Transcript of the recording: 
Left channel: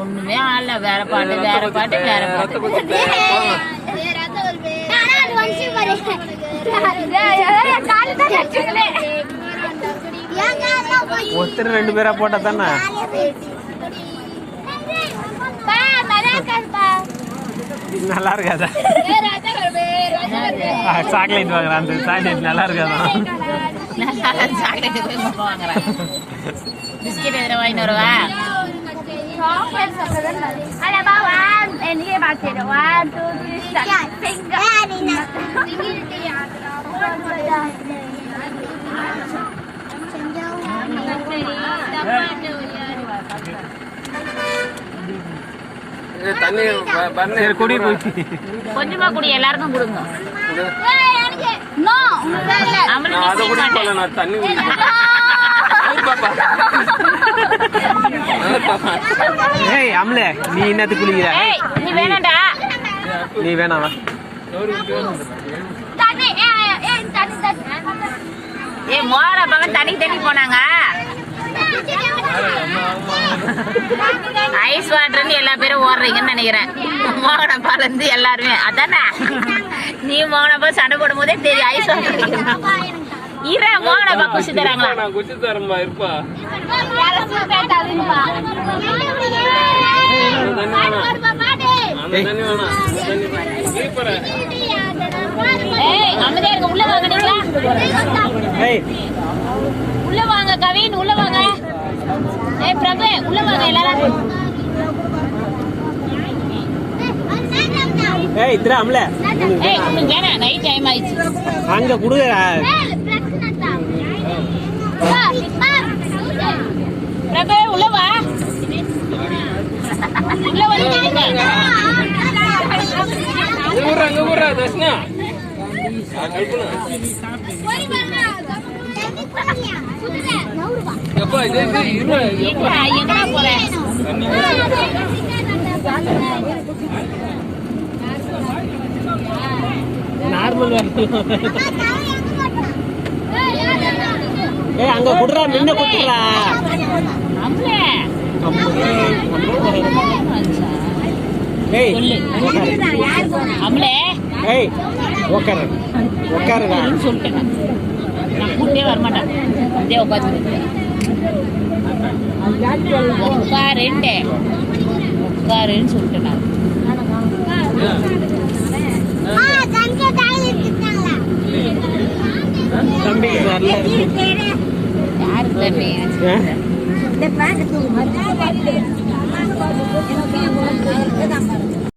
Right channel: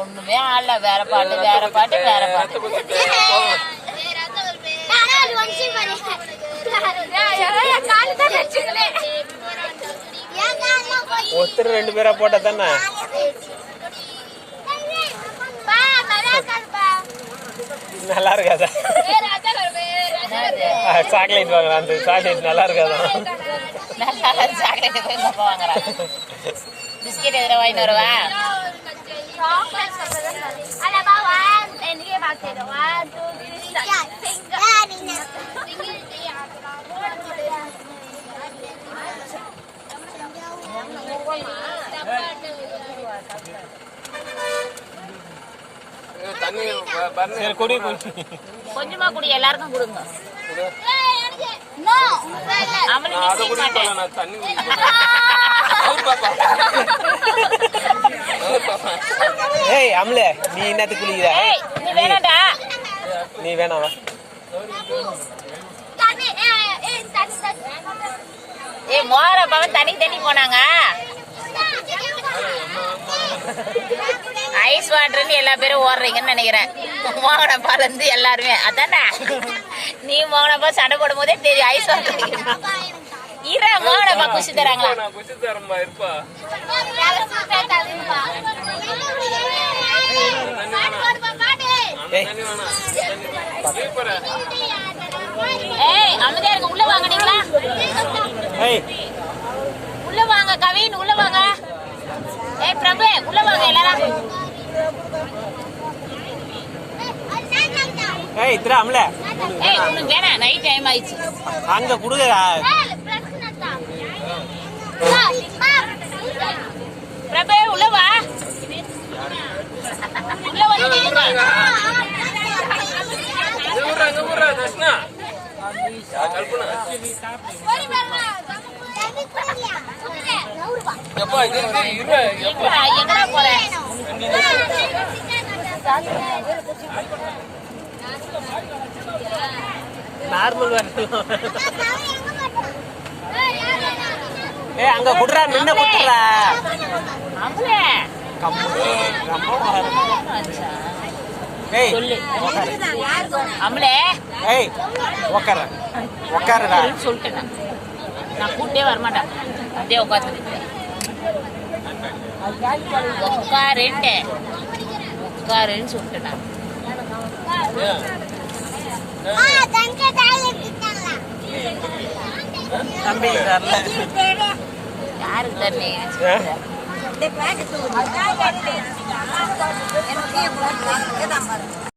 ஒண்ணுமே ஆள வேற பாட்டு வேற பாட்டு வேற பாட்டு. ஒருத்தர் ரெண்டு பேரா போட்டா தானே நல்லா இருக்காதா? சாக்லேட் வாங்குறான். அந்த சாக்லேட் நல்லா இருக்காதா? சாக்லேட் வாங்குறான். பிஸ்கெட் எதிர வாங்கிட்டு வருவா. குடி கொஞ்சமா குடி, எல்லாருக்கும் கொடுங்க. ஏய் அம்ல, நீ என்னது குளிக்கிற? நீ வேணாம்டா. நீ வேணாவா? ஏய் மோர பவன் தண்ணி தண்ணி போனாங்க. ஐஸ் வாட்டர்னு எல்லா பேரும் ஓடுறீங்கன்னு நினைக்கிறேன். மோகனப்பா இருந்து எல்லாருமே அதானே. நீ மோகனப்பா சண்டை போடும் போதே தெரியும் ஐஸ் வாட்டர். இர மோகனப்பா குச்சி தராங்களா? குச்சி தரமா இருப்பா. உள்ள வாங்க, உள்ள வாங்க கவின், உள்ள வாங்க. ஏய் பிரபு உள்ள வாங்க எல்லாரும். ஏய் இத்ரா அம்ல. ஏய் உனக்கு வேணா, நைட் டைம் ஆயிச்சு. அங்க குடுங்க. பிரபு உள்ள வா. உள்ள வாங்க. ஊரா தஸ்னா. எப்பா இது எங்க போறேன்? நார்மல் ஏய் அங்க குடுறா, முன்ன குடுறா. அம்லே ஏய் யார் போனா? அம்லே ஏய் உட்காருடா சொல்லிட்டேன். நான் கூட்டே வர மாட்டேன். அப்படியே உட்காந்து உட்காருன்னு சொல்லிட்டேன். யாருக்கு தெரியல.